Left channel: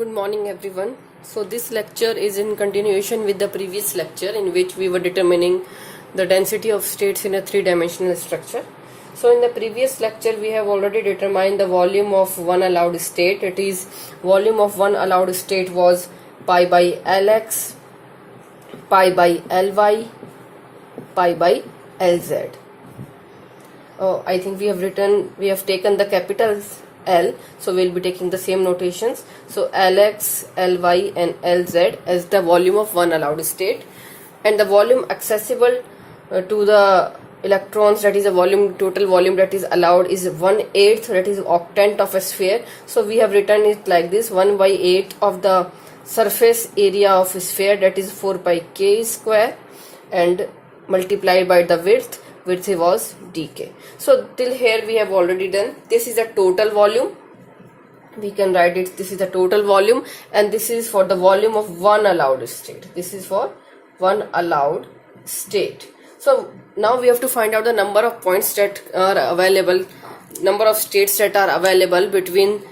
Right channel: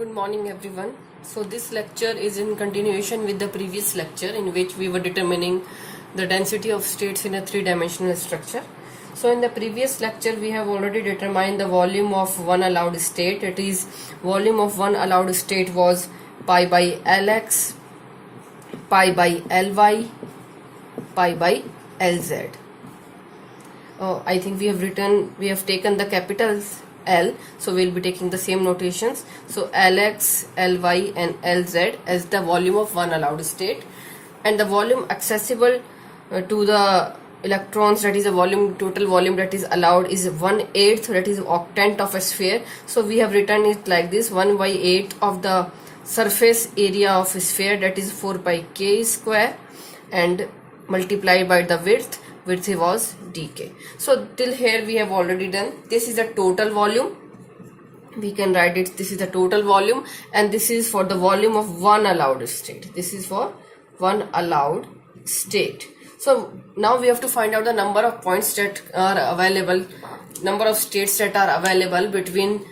Good morning everyone. So this lecture is in continuation with the previous lecture in which we were determining the density of states in a three-dimensional structure. So in the previous lecture we have already determined the volume of one allowed state. It is volume of one allowed state was pi by Lx, pi by Ly, pi by Lz. I think we have taken the capitals L, so we'll be taking the same notations. So Lx, Ly and Lz as the volume of one allowed state, and the volume accessible to the electrons, that is the volume, total volume that is allowed, is 1/8, that is octant of a sphere. So we have written it like this: 1/8 of the surface area of a sphere, that is 4 pi k square, and multiplied by the width was dk. So till here we have already done. This is the total volume. We can write it, this is the total volume, and this is for the volume of one allowed state. This is for one allowed state. So now we have to find out the number of points that are available, number of states that are available between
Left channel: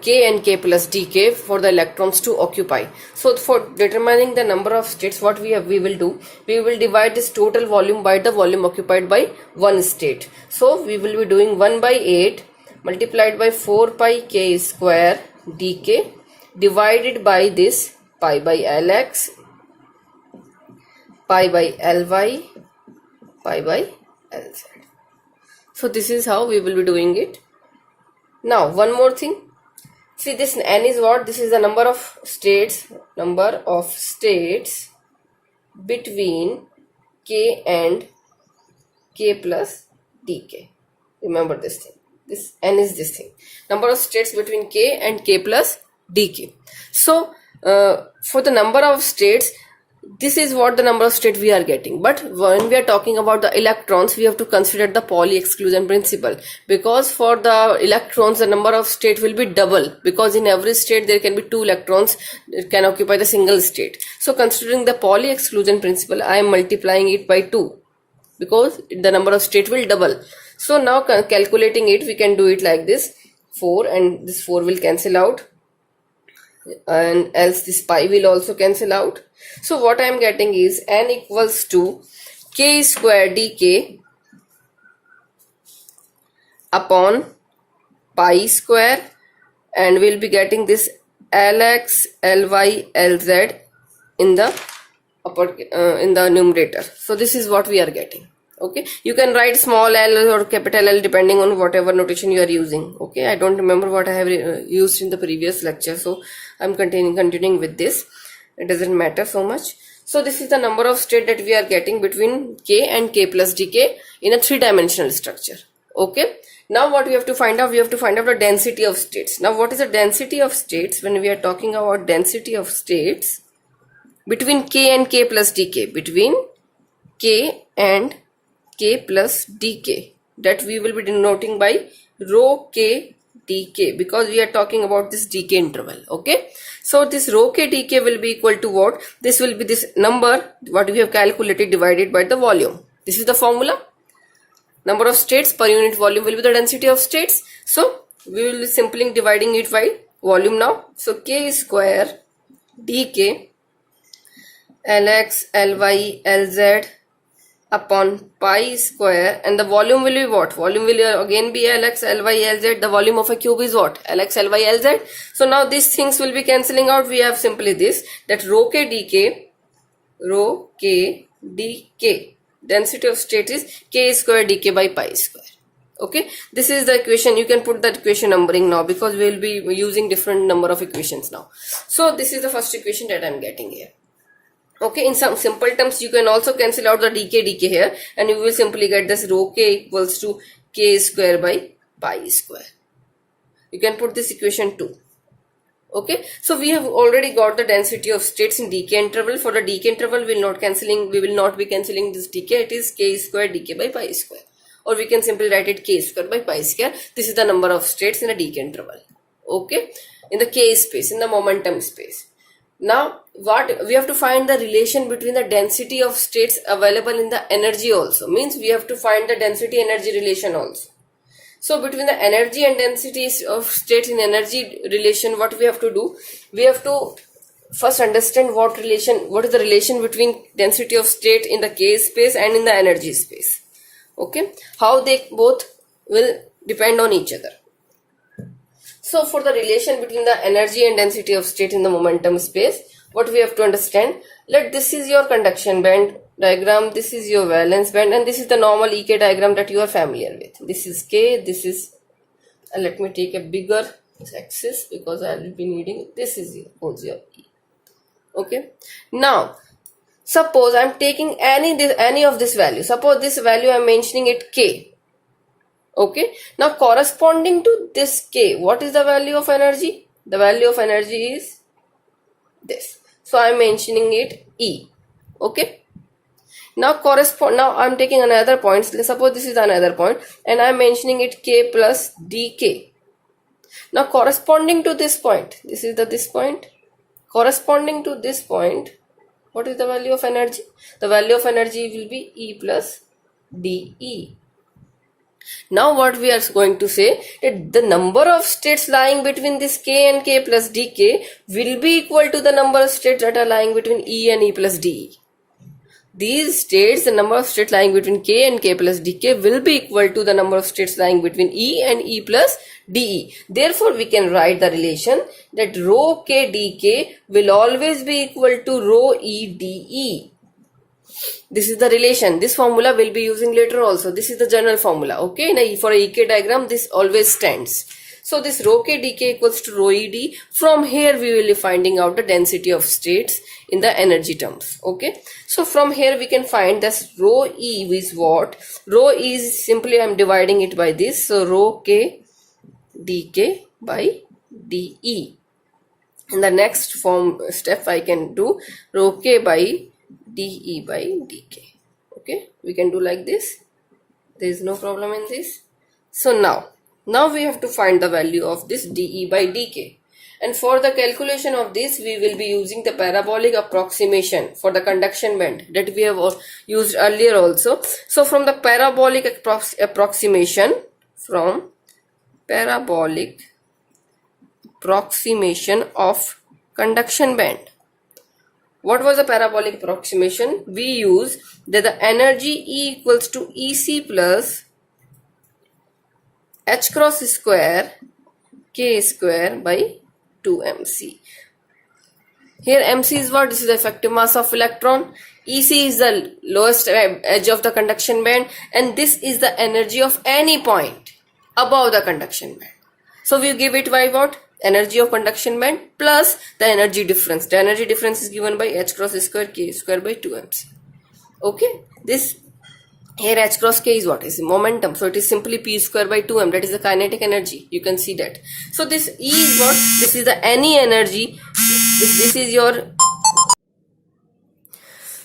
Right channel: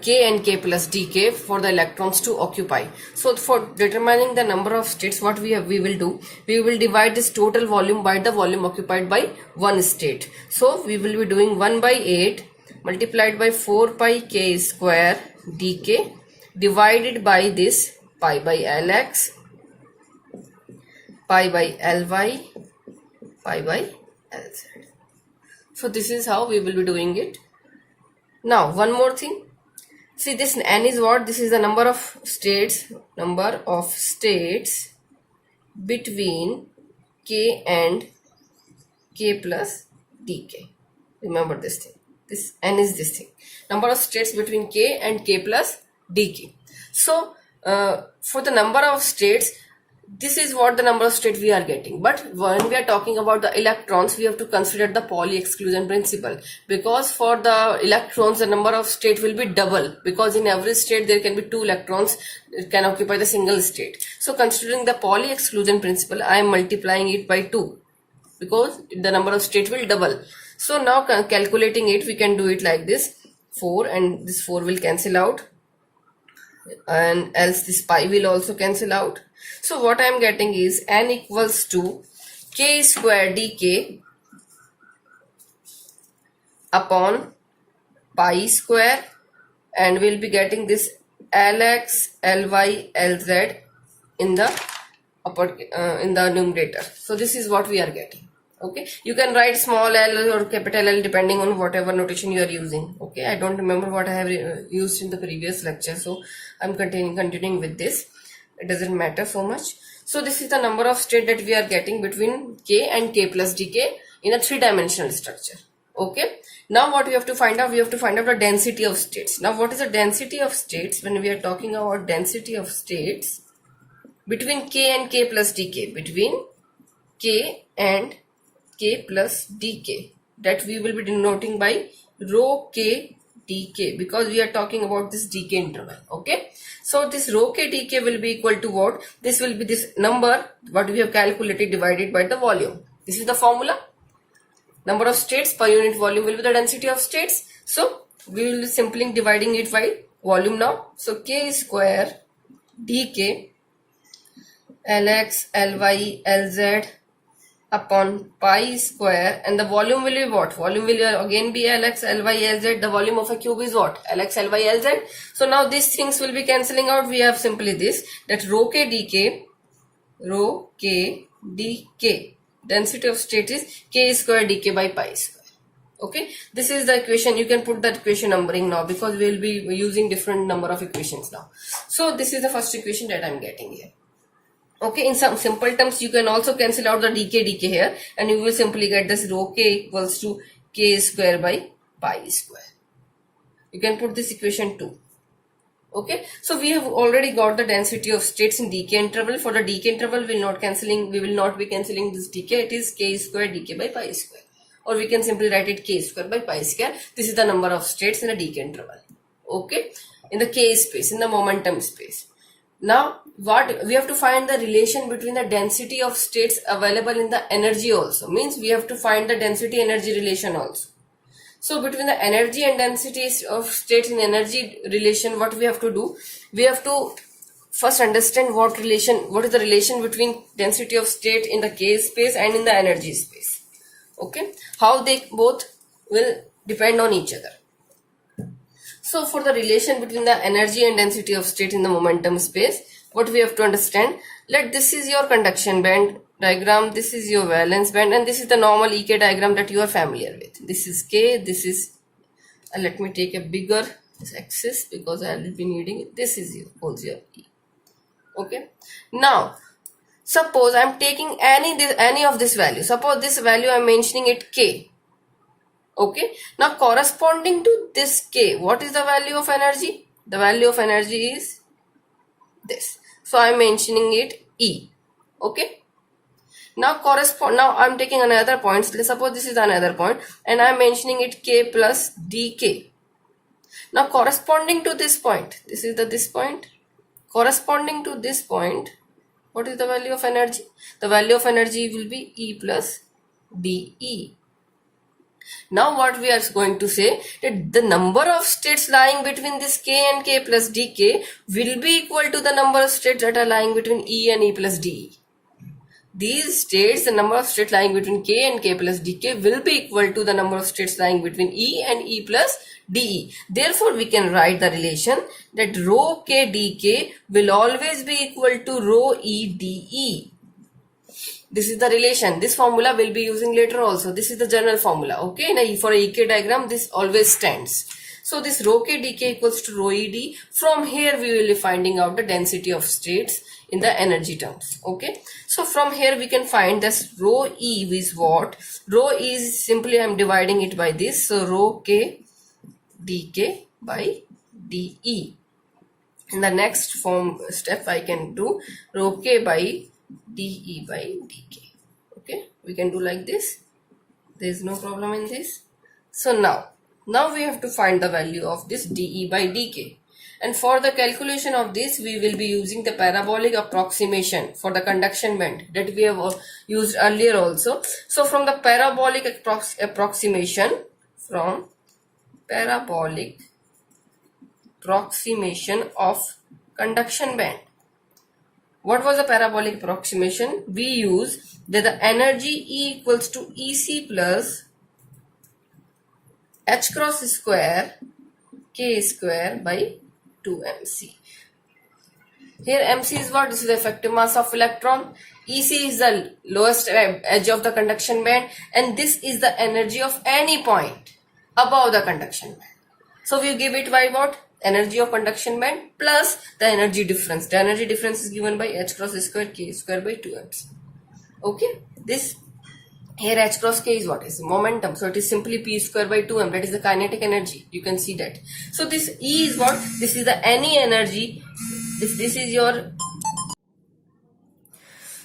k and k plus dk for the electrons to occupy. So for determining the number of states, what we will do, we will divide this total volume by the volume occupied by one state. So we will be doing 1/8 multiplied by 4 pi k square dk divided by this pi by Lx, pi by Ly, pi by Lz. So this is how we will be doing it. Now one more thing. See, this n is what? This is the number of states between k and k plus dk. Remember this thing. This n is this thing. Number of states between k and k plus dk. So, for the number of states, this is what the number of states we are getting. But when we are talking about the electrons, we have to consider the Pauli exclusion principle, because for the electrons the number of state will be double, because in every state there can be two electrons that can occupy the single state. So considering the Pauli exclusion principle, I am multiplying it by 2 because the number of state will double. So now calculating it, we can do it like this: 4 and this 4 will cancel out, and else this pi will also cancel out. So what I am getting is n equals to k square dk upon pi square, and we'll be getting this Lx, Ly, Lz in the numerator. So this is what we are getting. Okay, you can write small l or capital L depending on whatever notation you are using. Okay, I don't remember what I have used in the previous lecture, so I'm continuing with this. It doesn't matter so much. So this is the number of state that we are getting between k and k plus dk in a three-dimensional structure. Okay, now what we have to find out? We have to find out the density of states. Now what is the density of states? When we are talking about density of states between k and k plus dk, between k and k plus dk, that we will be denoting by rho k dk, because we are talking about this dk interval. Okay, so this rho k dk will be equal to what? This will be this number what we have calculated divided by the volume. This is the formula. Number of states per unit volume will be the density of states. So we will be simply dividing it by volume now. So k square dk Lx, Ly, Lz upon pi square, and the volume will be what? Volume will again be Lx, Ly, Lz. The volume of a cube is what? Lx, Ly, Lz. So now these things will be cancelling out. We have simply this, that rho k dk, density of state is k square dk by pi square. Okay, this is the equation. You can put that equation numbering now, because we will be using different number of equations now. So this is the first equation that I am getting here. Okay, in some simple terms, you can also cancel out the dk here, and you will simply get this rho k equals to k square by pi square. You can put this equation 2. Okay, so we have already got the density of states in dk interval. For the dk interval, we will not be cancelling this dk. It is k square dk by pi square, or we can simply write it k square by pi square. This is the number of states in the dk interval. Okay, in the k space, in the momentum space. Now what we have to find the relation between the density of states available in the energy also. Means we have to find the density energy relation also. So between the energy and density of state in energy relation, what we have to do? We have to first understand what is the relation between density of state in the K space and in the energy space. Okay, how they both will depend on each other. So for the relation between the energy and density of state in the momentum space, what we have to understand, let this is your conduction band diagram, this is your valence band, and this is the normal EK diagram that you are familiar with. This is K, this is, let me take a bigger axis because I will be needing it. This is your E. Okay, now suppose I am taking any of this value. Suppose this value I am mentioning it K. Okay, now corresponding to this K, what is the value of energy? The value of energy is this. So I am mentioning it E. Okay. Now I am taking another point. Suppose this is another point and I am mentioning it K plus dk. Now corresponding to this point, this is this point. Corresponding to this point, what is the value of energy? The value of energy will be E plus dE. Now what we are going to say, that the number of states lying between this K and K plus dk will be equal to the number of states that are lying between E and E plus dE. These states, the number of states lying between K and K plus dk will be equal to the number of states lying between E and E plus dE. Therefore, we can write the relation that rho K dk will always be equal to rho E dE. This is the relation. This formula will be using later also. This is the general formula. Okay. Now for a EK diagram, this always stands. So this rho K dk equals to rho E d. From here we will be finding out the density of states in the energy terms. Okay. So from here we can find this rho E is what? Rho E is simply I am dividing it by this. So rho K dk by dE. In the next step I can do rho K by dE by dk. Okay, we can do like this. There is no problem in this. So now we have to find the value of this dE by dk. And for the calculation of this, we will be using the parabolic approximation for the conduction band that we have used earlier also. So from the parabolic approximation of conduction band. What was the parabolic approximation? We use that the energy E equals to EC plus H cross square K square by 2mc. Here mc is what? This is the effective mass of electron. EC is the lowest edge of the conduction band, and this is the energy of any point above the conduction band. So we give it by what? Energy of conduction band plus the energy difference. The energy difference is given by H cross square K square by 2mc. Okay, this here H cross K is what? Is momentum. So it is simply P square by 2m. That is the kinetic energy. You can see that. So this E is what? This is the any energy. This is your.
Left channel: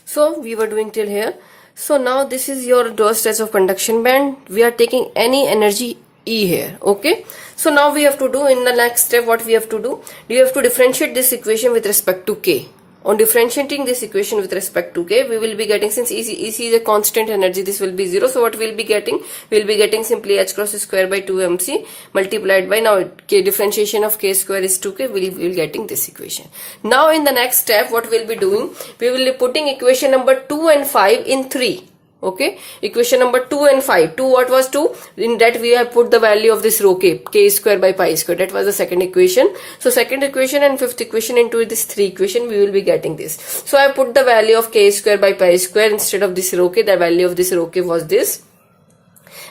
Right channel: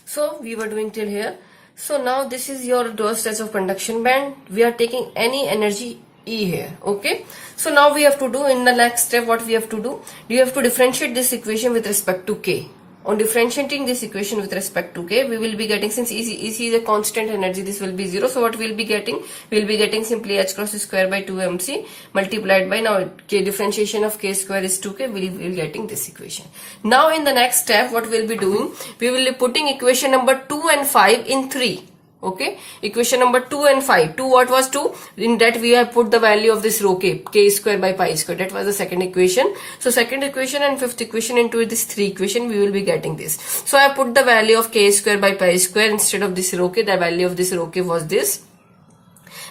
So we were doing till here. So now this is your lowest edge of conduction band. We are taking any energy E here. Okay. So now we have to do in the next step what we have to do. We have to differentiate this equation with respect to K. On differentiating this equation with respect to K, we will be getting, since EC is a constant energy, this will be 0. So what we will be getting? We will be getting simply H cross square by 2mc multiplied by, now K differentiation of K square is 2K, we will be getting this equation. Now in the next step, what we will be doing? We will be putting equation number 2 and 5 in 3. Okay, equation number 2 and 5. 2, what was 2? In that we have put the value of this rho K, K square by pi square. That was the second equation. So second equation and fifth equation into this 3 equation, we will be getting this. So I put the value of K square by pi square instead of this rho K. The value of this rho K was this.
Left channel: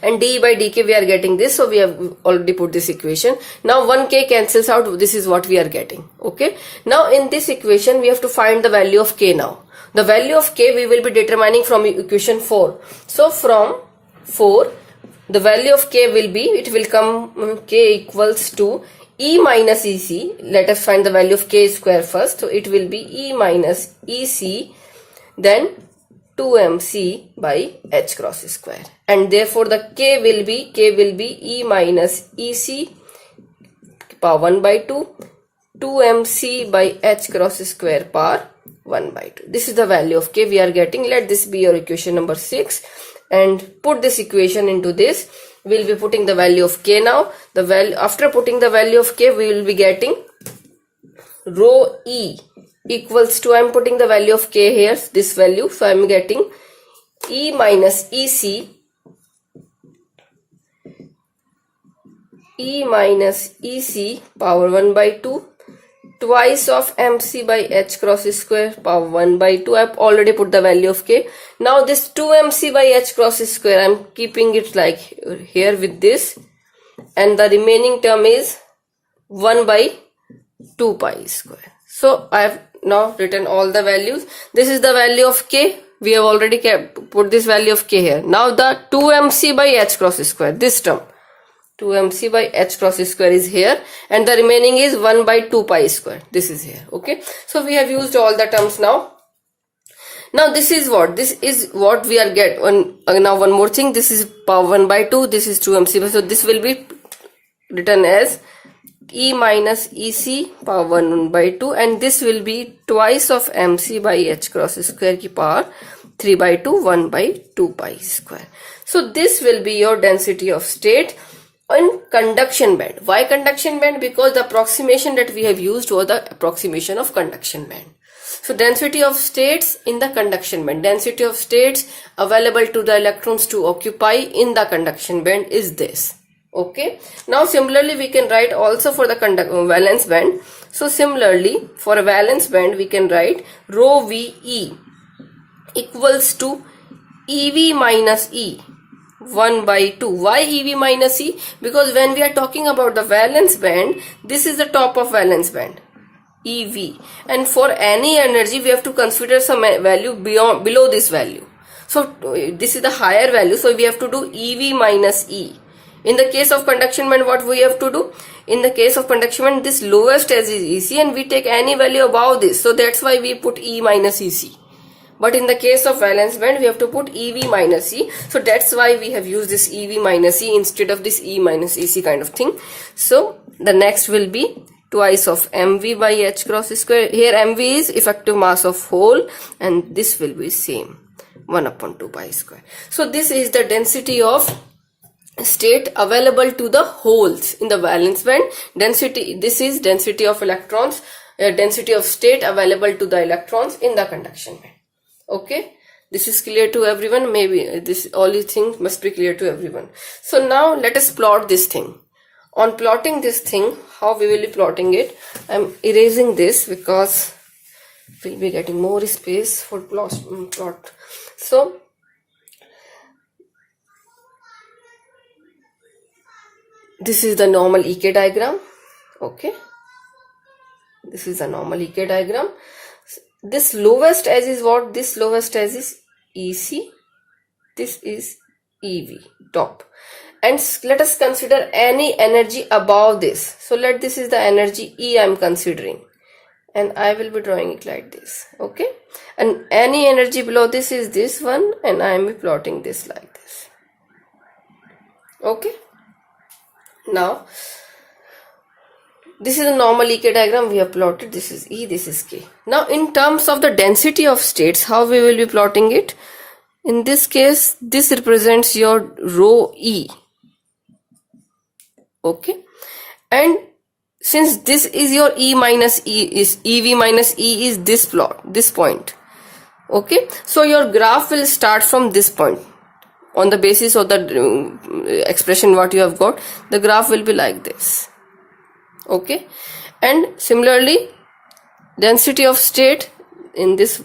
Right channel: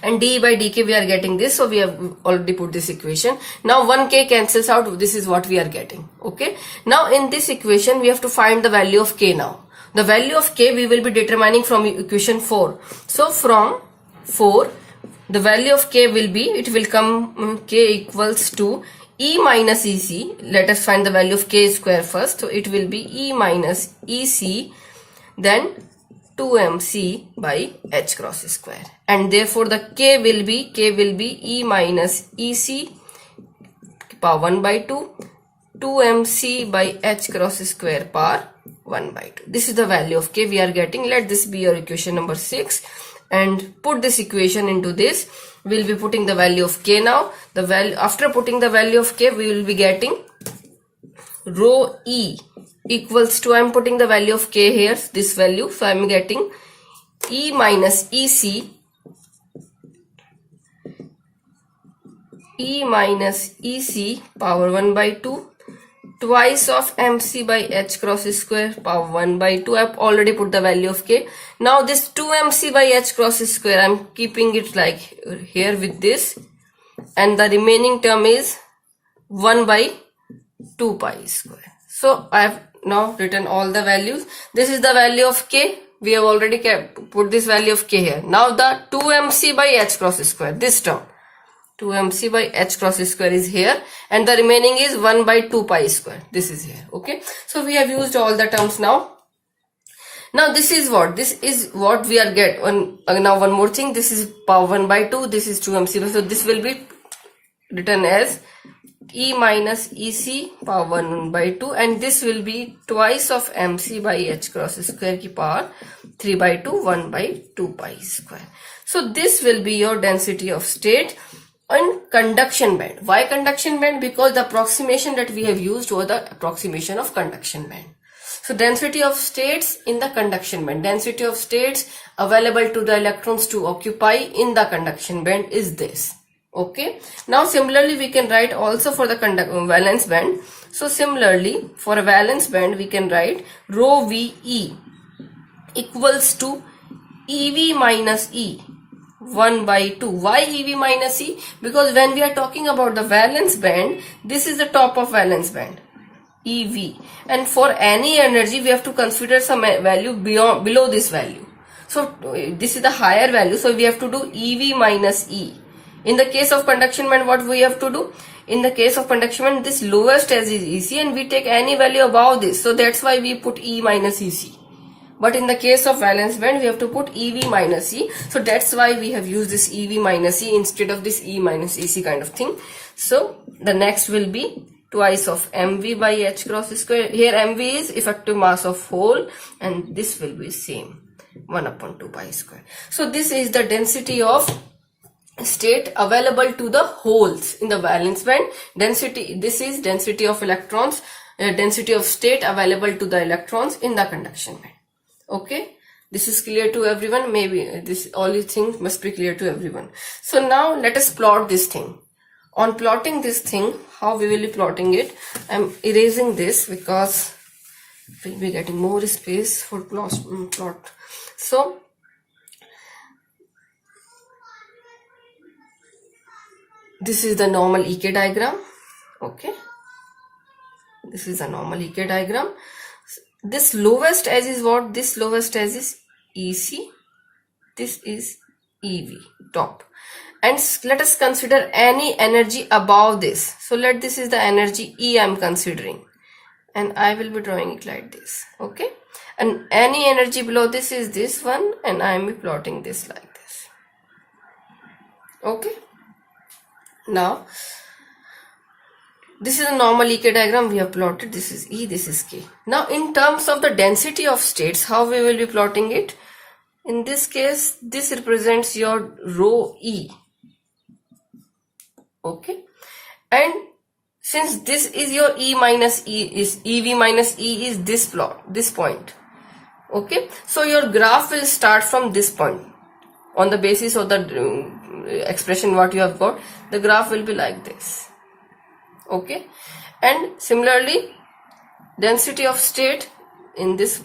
And dE by dk we are getting this. So we have already put this equation. Now 1K cancels out. This is what we are getting. Okay. Now in this equation, we have to find the value of K now. The value of K we will be determining from equation 4. So from 4, the value of K will be, it will come K equals to E minus EC. Let us find the value of K square first. So it will be E minus EC, then 2mc by H cross square. And therefore the K will be E minus EC power 1 by 2, 2mc by H cross square power 1 by 2. This is the value of K we are getting. Let this be your equation number 6 and put this equation into this. we'll be putting the value of K now. The value, after putting the value of K, we will be getting rho E equals to, I'm putting the value of K here, this value. So I'm getting E minus EC, E minus EC power 1 by 2 twice of MC by H cross square power 1 by 2. I've already put the value of K. Now this 2MC by H cross square, I'm keeping it like here with this, and the remaining term is 1 by 2 pi square. So I have now written all the values. This is the value of K. We have already put this value of K here. Now the 2MC by H cross square, this term 2MC by H cross square is here, and the remaining is 1 by 2 pi square. This is here. Okay. So we have used all the terms now. Now this is what we are now one more thing. This is power 1 by 2. This is 2MC. So this will be written as E minus EC power 1 by 2, and this will be twice of MC by H cross square ki power 3 by 2, 1 by 2 pi square. So this will be your density of state on conduction band. Why conduction band? Because the approximation that we have used was the approximation of conduction band. So density of states in the conduction band, density of states available to the electrons to occupy in the conduction band is this. Okay. Now similarly we can write also for the valence band. So similarly for a valence band we can write rho VE equals to EV minus E 1 by 2. Why EV minus E? Because when we are talking about the valence band, this is the top of valence band, EV, and for any energy we have to consider some value below this value. So this is the higher value, so we have to do EV minus E. In the case of conduction band, what we have to do? In the case of conduction band, this lowest edge is EC, and we take any value above this, so that's why we put E minus EC. But in the case of valence band, we have to put EV minus E. So that's why we have used this EV minus E instead of this E minus EC kind of thing. So the next will be twice of MV by H cross square. Here MV is effective mass of hole, and this will be same 1 upon 2 pi square. So this is the density of state available to the holes in the valence band. Density, this is density of electrons, density of state available to the electrons in the conduction band. Okay, this is clear to everyone. Maybe this all these things must be clear to everyone. So now let us plot this thing. On plotting this thing, how we will be plotting it? I'm erasing this because we'll be getting more space for plot. So this is the normal EK diagram. Okay, this is a normal EK diagram. This lowest edge is what? This lowest edge is EC. This is EV, top. And let us consider any energy above this. So this is the energy E I am considering. And I will be drawing it like this. Okay. And any energy below this is this one. And I am plotting this like this. Okay. Now, this is a normal EK diagram we have plotted. This is E, this is K. Now, in terms of the density of states, how we will be plotting it? In this case, this represents your rho E. Okay. And since this is your E minus E, is EV minus E is this plot, this point. Okay. So, your graph will start from this point. On the basis of the expression what you have got, the graph will be like this. Okay, and similarly density of state in this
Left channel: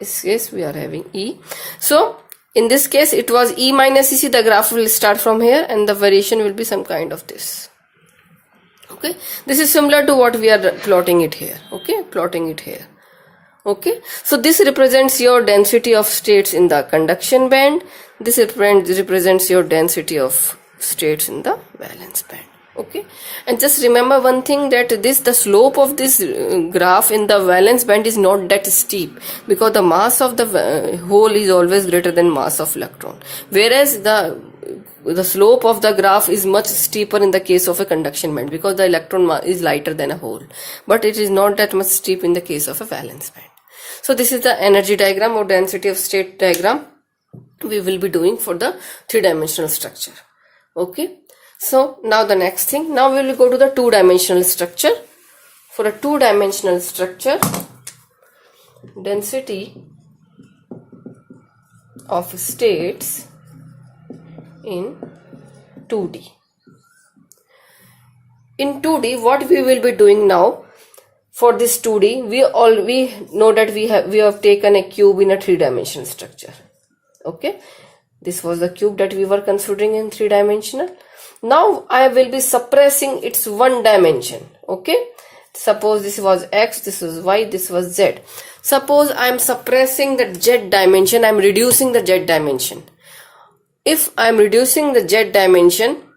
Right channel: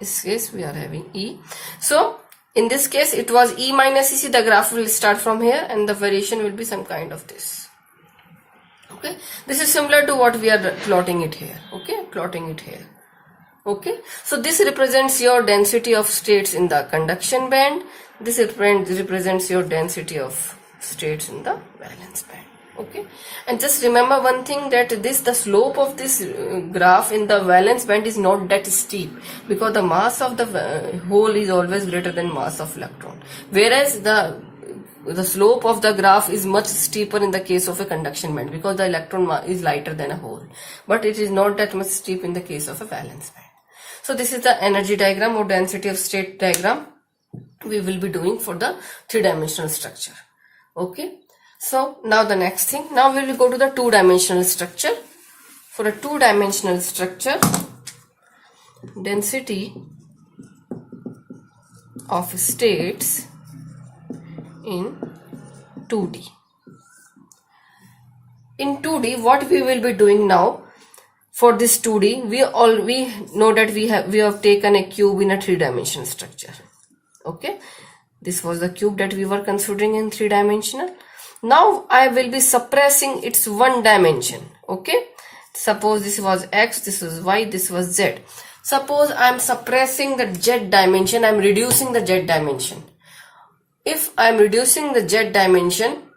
case we are having E. So in this case it was E minus EC. The graph will start from here and the variation will be some kind of this. Okay, this is similar to what we are plotting it here. Okay, plotting it here. Okay, so this represents your density of states in the conduction band. This represents your density of states in the valence band. Okay, and just remember one thing, that the slope of this graph in the valence band is not that steep, because the mass of the hole is always greater than mass of electron, whereas the slope of the graph is much steeper in the case of a conduction band, because the electron is lighter than a hole, but it is not that much steep in the case of a valence band. So this is the energy diagram or density of state diagram we will be doing for the three-dimensional structure. Okay. So now the next thing, now we will go to the two-dimensional structure. For a two-dimensional structure, density of states in 2D. In 2D, what we will be doing now, for this 2D, we know that we have taken a cube in a three-dimensional structure. Okay, this was the cube that we were considering in three-dimensional. Now I will be suppressing its one dimension. Okay, suppose this was x, this was y, this was z. Suppose I am suppressing the z dimension, I am reducing the z dimension. If I am reducing the z dimension,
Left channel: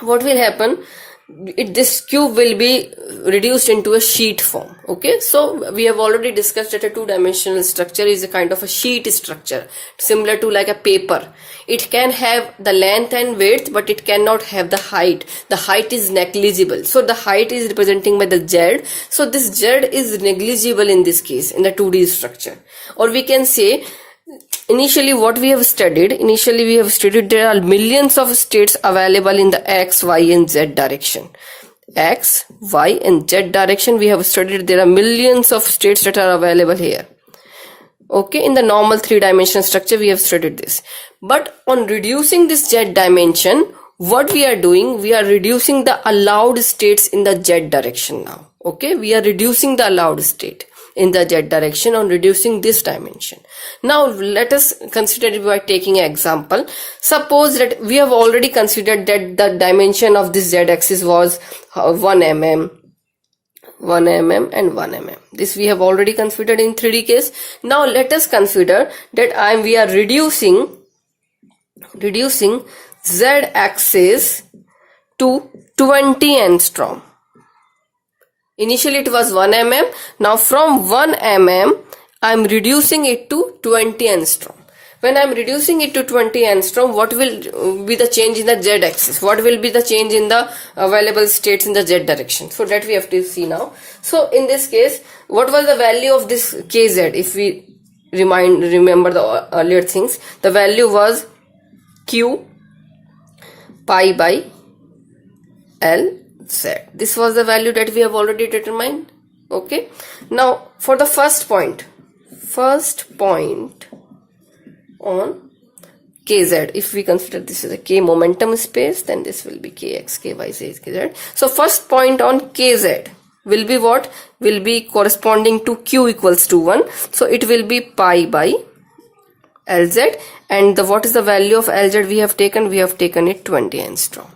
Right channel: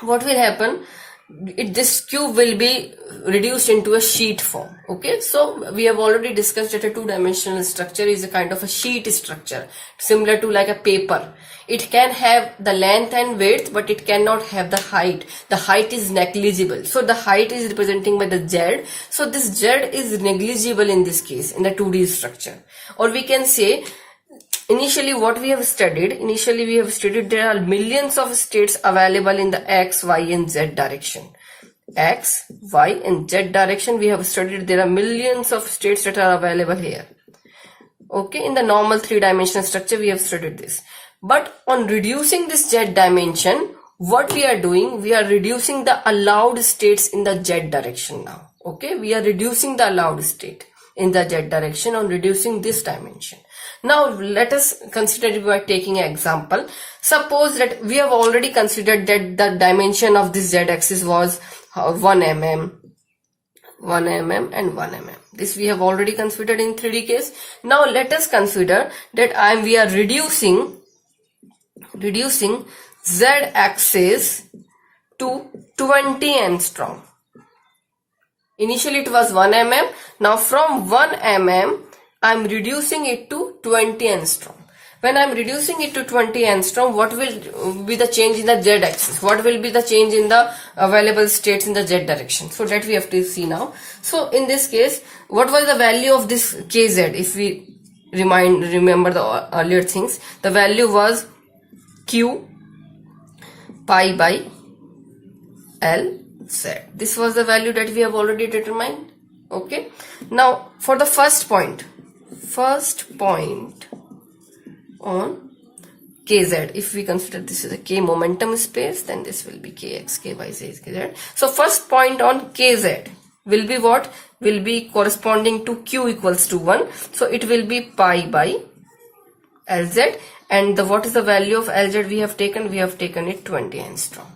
what will happen? This cube will be reduced into a sheet form. Okay, so we have already discussed that a two-dimensional structure is a kind of a sheet structure, similar to like a paper. It can have the length and width, but it cannot have the height. The height is negligible, so the height is representing by the z. So this z is negligible in this case, in the 2D structure. Or we can say, initially we have studied there are millions of states available in the x, y and z direction. X, y and z direction we have studied there are millions of states that are available here. Okay, in the normal three-dimensional structure we have studied this. But on reducing this z dimension, what we are doing, we are reducing the allowed states in the z direction now. Okay, we are reducing the allowed state in the z direction on reducing this dimension. Now let us consider it by taking an example. Suppose that we have already considered that the dimension of this z-axis was 1 mm, 1 mm and 1 mm. This we have already considered in 3D case. Now let us consider that we are reducing z-axis to 20 angstrom. Initially it was 1 mm. Now from 1 mm, I am reducing it to 20 angstrom. When I am reducing it to 20 angstrom, what will be the change in the z axis? What will be the change in the available states in the z direction? So that we have to see now. So in this case, what was the value of this kz? If we remember the earlier things, the value was q pi by l z. This was the value that we have already determined. Okay, now for the first point on kz, if we consider this is a k momentum space, then this will be kx, ky, z, kz. So first point on kz will be what? Will be corresponding to q equals to 1. So it will be pi by lz, and what is the value of lz we have taken? We have taken it 20 angstrom.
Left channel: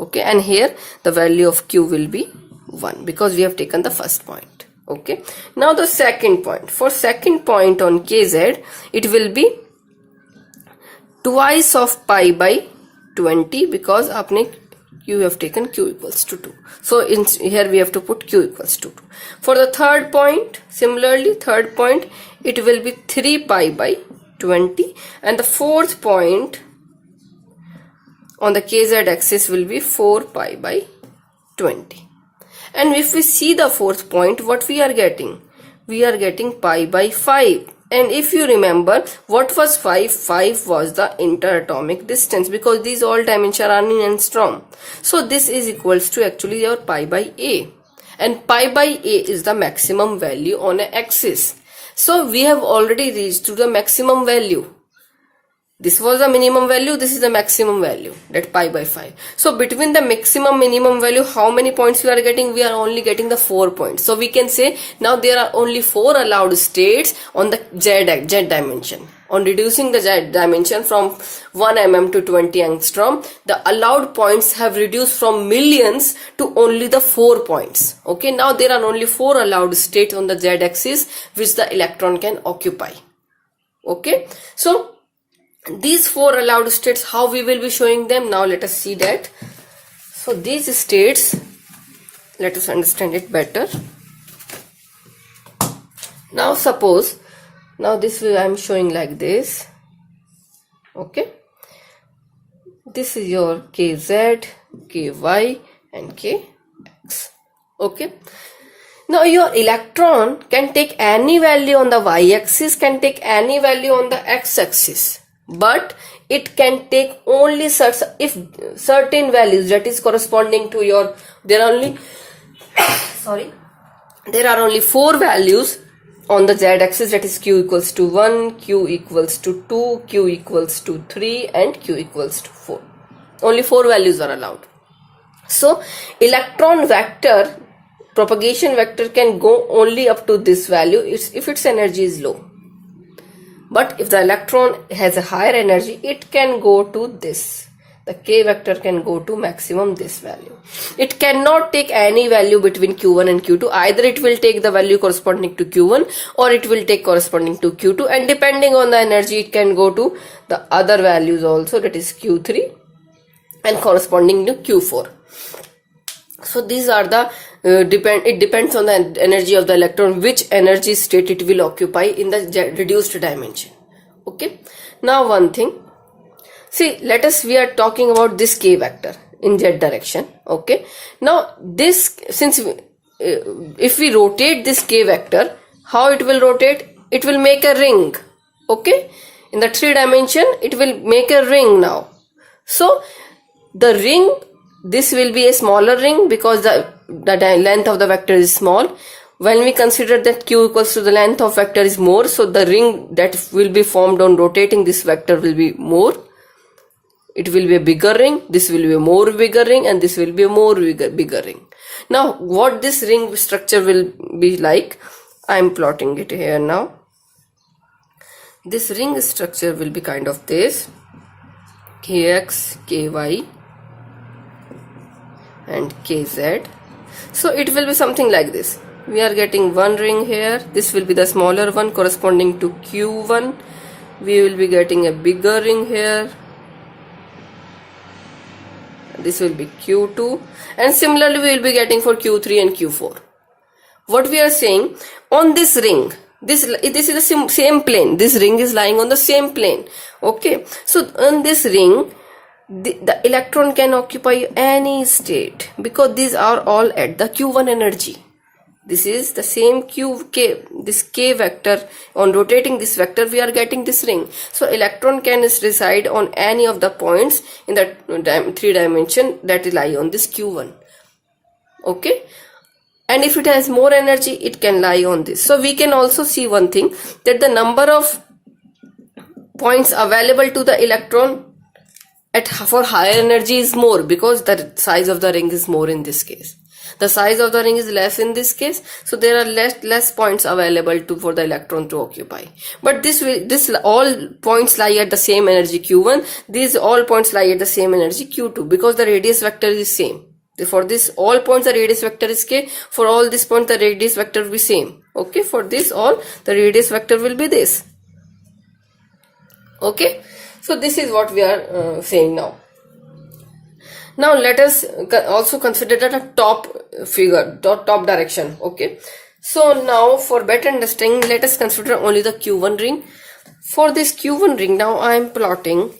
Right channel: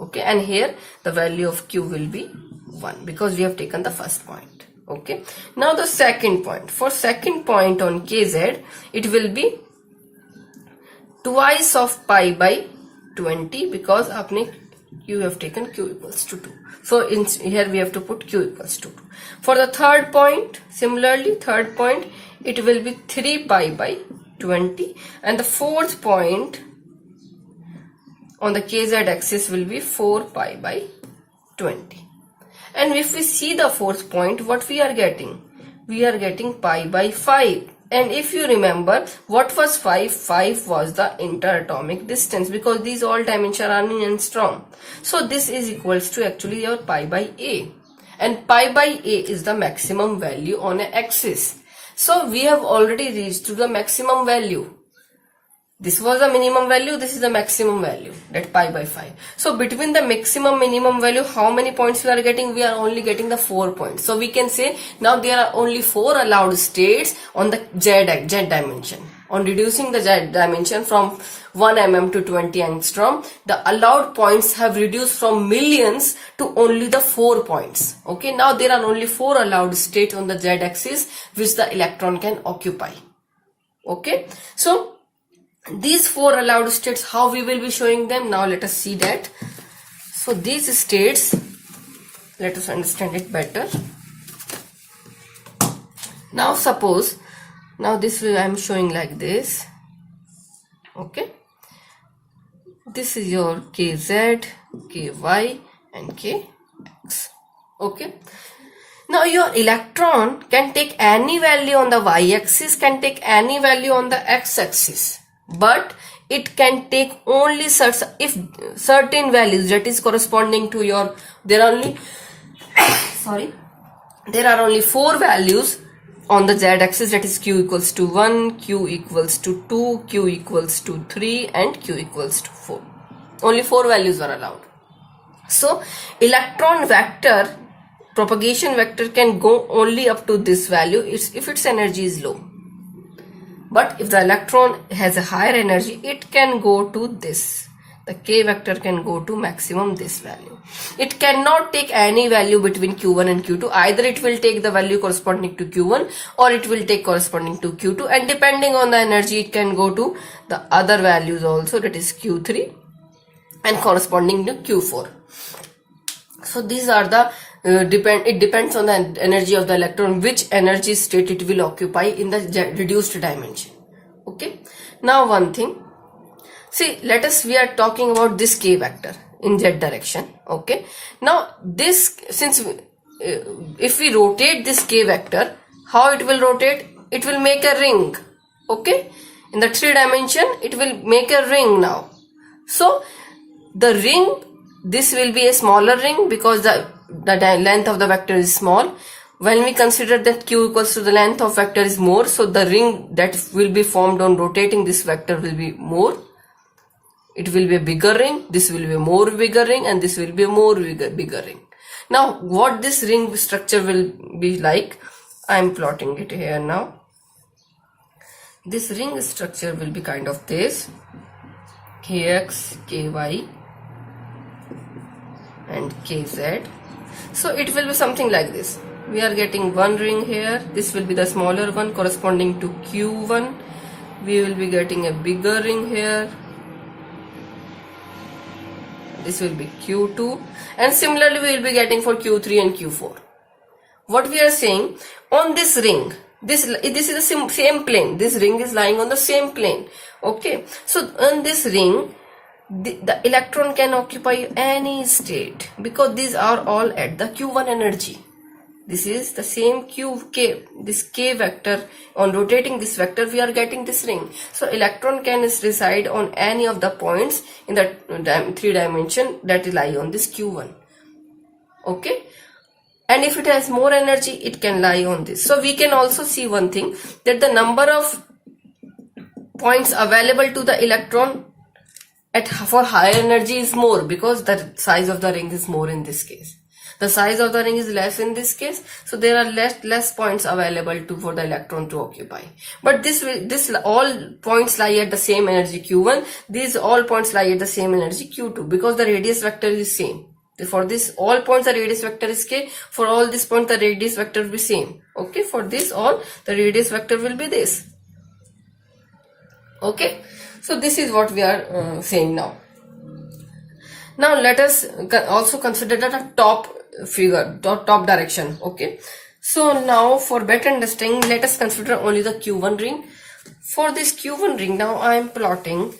Okay, and here the value of q will be 1 because we have taken the first point. Okay, now the second point. For second point on kz, it will be twice of pi by 20 because you have taken q equals to 2. So in here we have to put q equals to 2. For the third point, similarly third point, it will be 3 pi by 20, and the fourth point on the kz axis will be 4 pi by 20. And if we see the fourth point, what we are getting? We are getting pi by 5. And if you remember, what was 5? 5 was the interatomic distance because these all dimensions are in angstrom. So this is equals to actually your pi by a. And pi by a is the maximum value on an axis. So we have already reached to the maximum value. This was the minimum value, this is the maximum value, that pi by 5. So between the maximum minimum value, how many points we are getting? We are only getting the 4 points. So we can say now there are only 4 allowed states on the z dimension. On reducing the z dimension from 1 mm to 20 angstrom, the allowed points have reduced from millions to only the 4 points. Okay, now there are only 4 allowed states on the z axis which the electron can occupy. Okay, so these 4 allowed states, how we will be showing them? Now let us see that. So these states, let us understand it better. Now suppose, now this way I am showing like this. Okay, this is your kz, ky and kx. Okay, now your electron can take any value on the y-axis, can take any value on the x-axis. But it can take only certain values, that is corresponding to your, there are only there are only 4 values on the z-axis, that is q equals to 1, q equals to 2, q equals to 3 and q equals to 4. Only 4 values are allowed. So electron vector, propagation vector, can go only up to this value if its energy is low. But if the electron has a higher energy, it can go to this. The k vector can go to maximum this value. It cannot take any value between q1 and q2. Either it will take the value corresponding to q1 or it will take corresponding to q2, and depending on the energy it can go to the other values also, that is q3 and corresponding to q4. So these are the it depends on the energy of the electron, which energy state it will occupy in the reduced dimension. Okay, now one thing, see, we are talking about this k vector in z direction. Okay, now this, since if we rotate this k vector, how it will rotate? It will make a ring. Okay, in the 3 dimension it will make a ring now. So the ring, this will be a smaller ring because the length of the vector is small. When we consider that q equals to the length of vector is more, so the ring that will be formed on rotating this vector will be more. It will be a bigger ring, this will be a more bigger ring, and this will be a more bigger ring. Now what this ring structure will be like, I am plotting it here now. This ring structure will be kind of this: kx, ky and kz. So it will be something like this. We are getting one ring here. This will be the smaller one corresponding to q1. We will be getting a bigger ring here. This will be q2, and similarly we will be getting for q3 and q4. What we are saying, on this ring, this is the same plane. This ring is lying on the same plane. Okay, so on this ring, the electron can occupy any state because these are all at the q1 energy. This is the same this k vector. On rotating this vector, we are getting this ring. So electron can reside on any of the points in the 3 dimension that lie on this q1. Okay, and if it has more energy, it can lie on this. So we can also see one thing, that the number of points available to the electron for higher energy is more because the size of the ring is more in this case. The size of the ring is less in this case, so there are less points available for the electron to occupy. But this all points lie at the same energy q1. These all points lie at the same energy q2 because the radius vector is same. For this all points the radius vector is k. For all these points the radius vector will be same. Okay, for this all the radius vector will be this. Okay, so this is what we are saying now. Now let us also consider the top figure, top direction. Okay, so now for better understanding, let us consider only the q1 ring. For this q1 ring, now I am plotting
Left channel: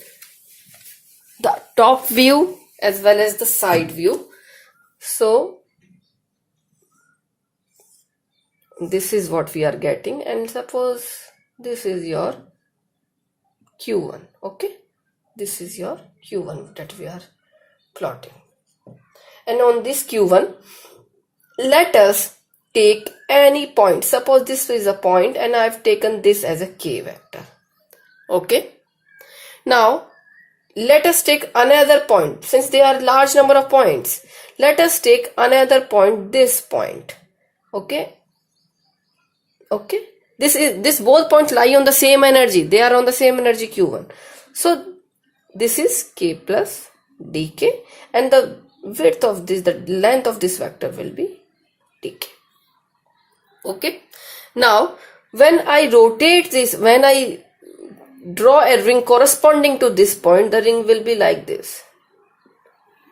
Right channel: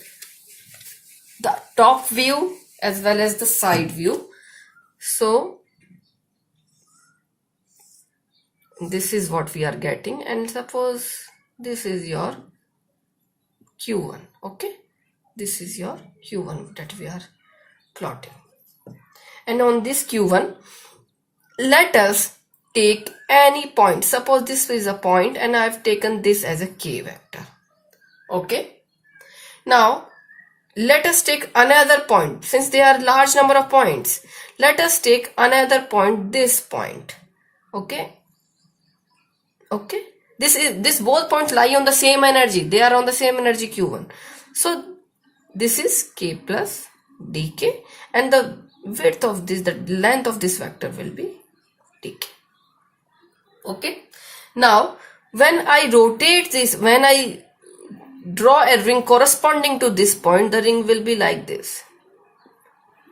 the top view as well as the side view. So this is what we are getting, and suppose this is your q1. Okay, this is your q1 that we are plotting, and on this q1 let us take any point. Suppose this is a point and I have taken this as a k vector. Okay, now let us take another point. Since there are large number of points, let us take another point, this point. Okay, this both points lie on the same energy. They are on the same energy q1. So this is k plus dk, and the width of this, the length of this vector will be dk. Okay, now when I rotate this, when I draw a ring corresponding to this point, the ring will be like this.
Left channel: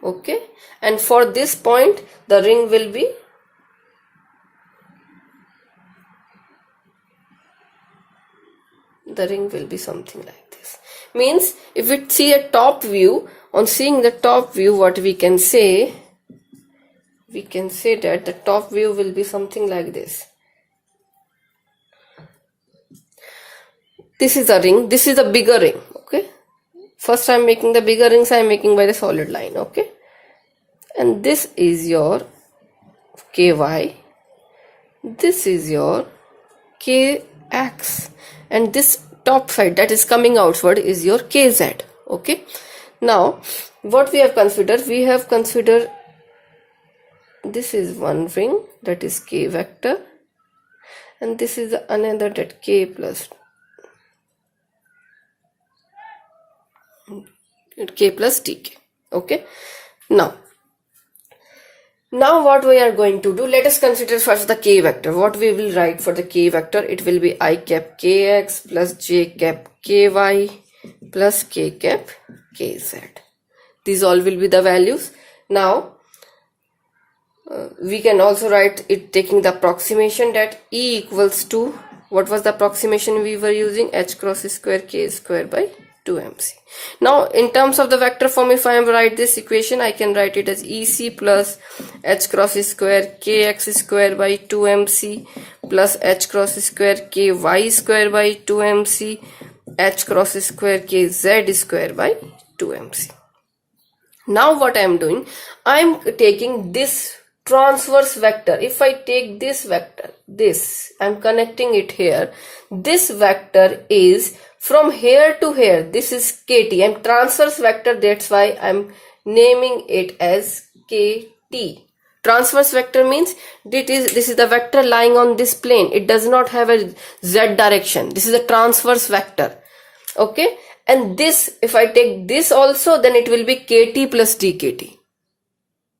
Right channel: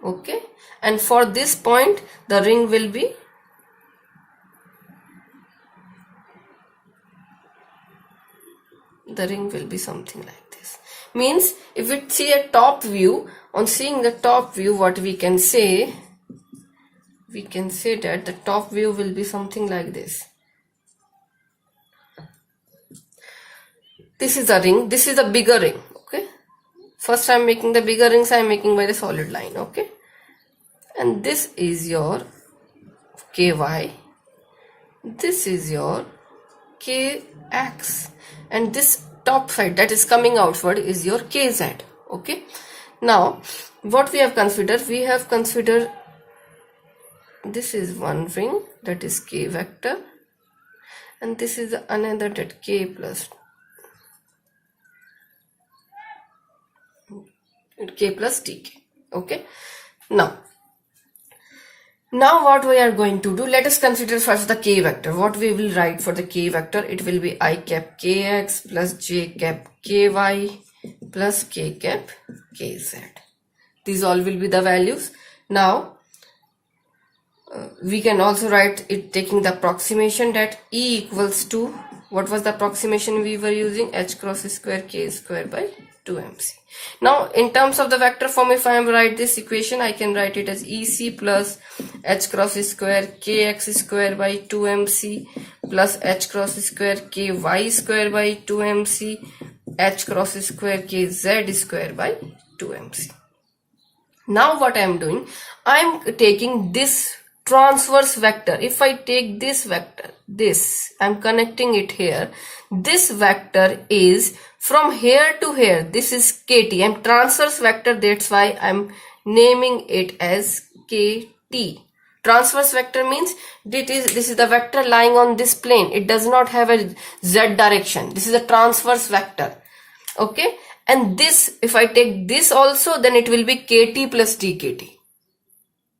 Okay, and for this point the ring will be something like this. Means if we see a top view, on seeing the top view, what we can say that the top view will be something like this. This is a ring, this is a bigger ring. Okay, First I'm making the bigger rings, I'm making by the solid line, okay? And this is your ky, this is your kx, and this top side that is coming outward is your kz, okay? Now what we have considered, this is one ring, that is k vector, and this is another, that k plus tk, okay? Now what we are going to do, let us consider first the k vector. What we will write for the k vector, it will be I cap kx plus j cap ky plus k cap kz. These all will be the values. Now we can also write it taking the approximation, that E equals to, what was the approximation we were using, h cross square k square by 2mc. Now in terms of the vector form, if I am write this equation, I can write it as EC plus h cross square kx square by 2mc plus h cross square ky square by 2mc h cross square kz square by 2mc. Now what I am doing, I am taking this transverse vector. If I take this vector, this, I am connecting it here. This vector is from here to here. This is kt. I am transverse vector, that's why I am naming it as kt. Transverse vector means this is the vector lying on this plane. It does not have a z direction. This is a transverse vector, okay? And this, if I take this also, then it will be kt plus dkt,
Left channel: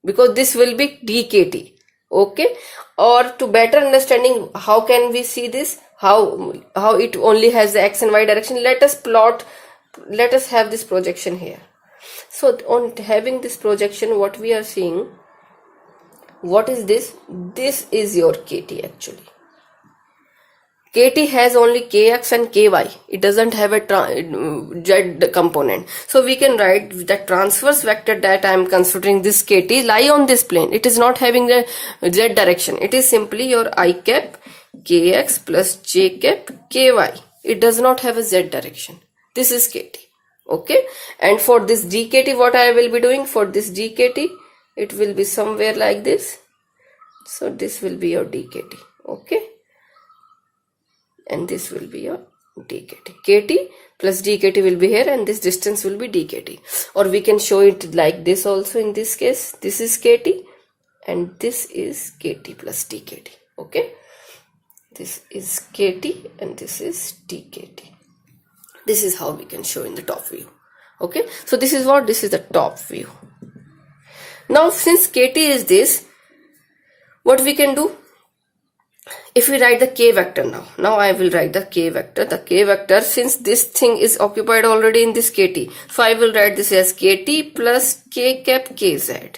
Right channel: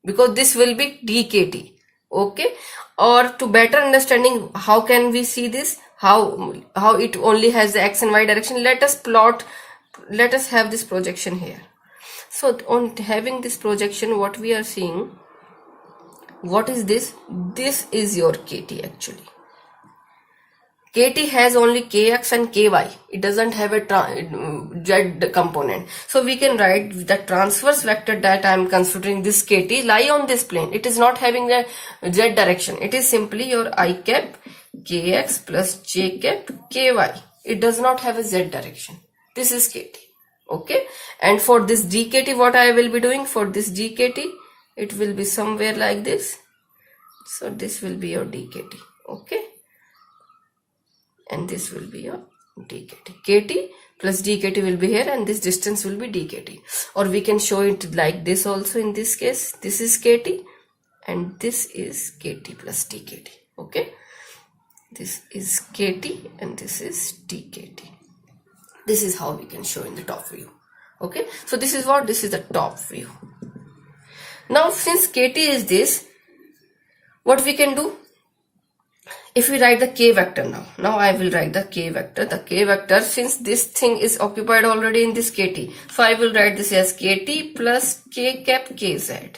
because this will be dkt, okay? Or to better understanding, how can we see this, how it only has the x and y direction, let us have this projection here. So on having this projection, what we are seeing, what is this? This is your kt actually. kt has only kx and ky. It doesn't have a z component. So we can write the transverse vector that I am considering, this kt, lie on this plane. It is not having a z direction. It is simply your I cap kx plus j cap ky. It does not have a z direction. This is kt, okay? And for this dkt, what I will be doing, for this dkt, it will be somewhere like this. So this will be your dkt, okay? And this will be your dkt. kt plus dkt will be here, and this distance will be dkt. Or we can show it like this also. In this case, this is kt and this is kt plus dkt, okay? This is kt and this is dkt. This is how we can show in the top view, okay? So this is what, this is the top view. Now since kt is this, what we can do, if we write the k vector, now I will write the k vector. The k vector, since this thing is occupied already in this kt, so I will write this as kt plus k cap kz,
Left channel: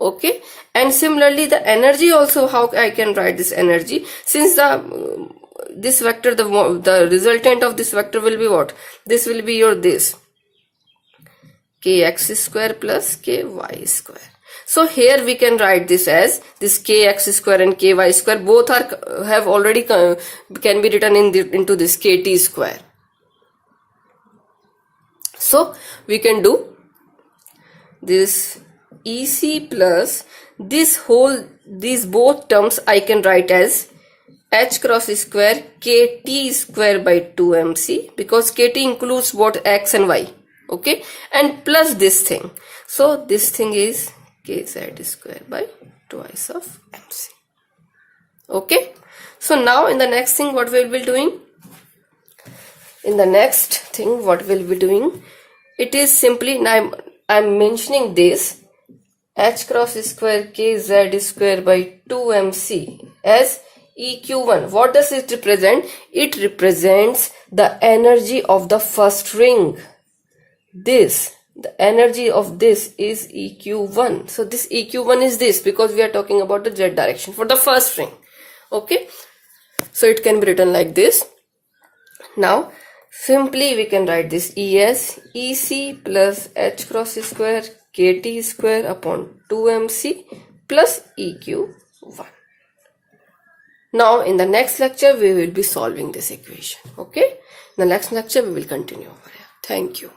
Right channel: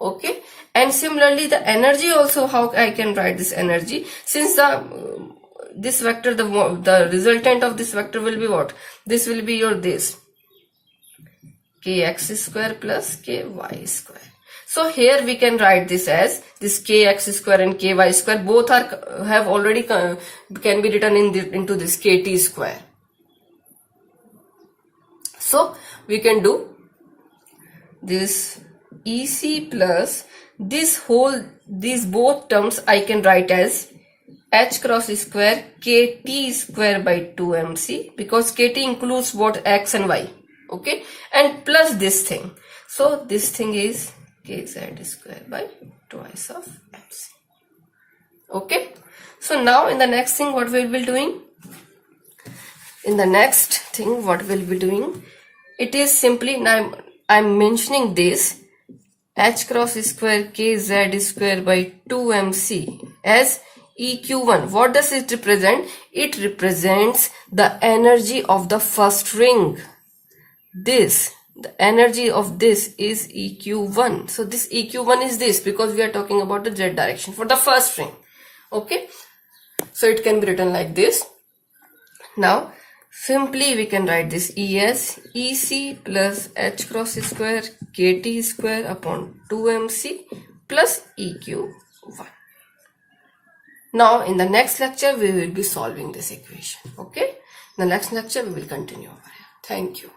okay? And similarly the energy also, how I can write this energy, since this vector, the resultant of this vector will be what, this will be your this kx square plus ky square. So here we can write this as this kx square and ky square, both have already can be written into this kt square. So we can do this EC plus these both terms I can write as h cross square kt square by 2mc, because kt includes both x and y, okay? And plus this thing, so this thing is kz square by twice of mc, okay? So now in the next thing, what we will be doing, it is simply, now I'm mentioning this h cross square kz square by 2mc as EQ1. What does it represent? It represents the energy of the first ring. The energy of this is EQ1. So this EQ1 is this, because we are talking about the z direction for the first ring, okay? So it can be written like this. Now simply we can write this ES EC plus h cross square kt square upon 2mc plus EQ1. Now in the next lecture we will be solving this equation, okay? In the next lecture we will continue. Thank you.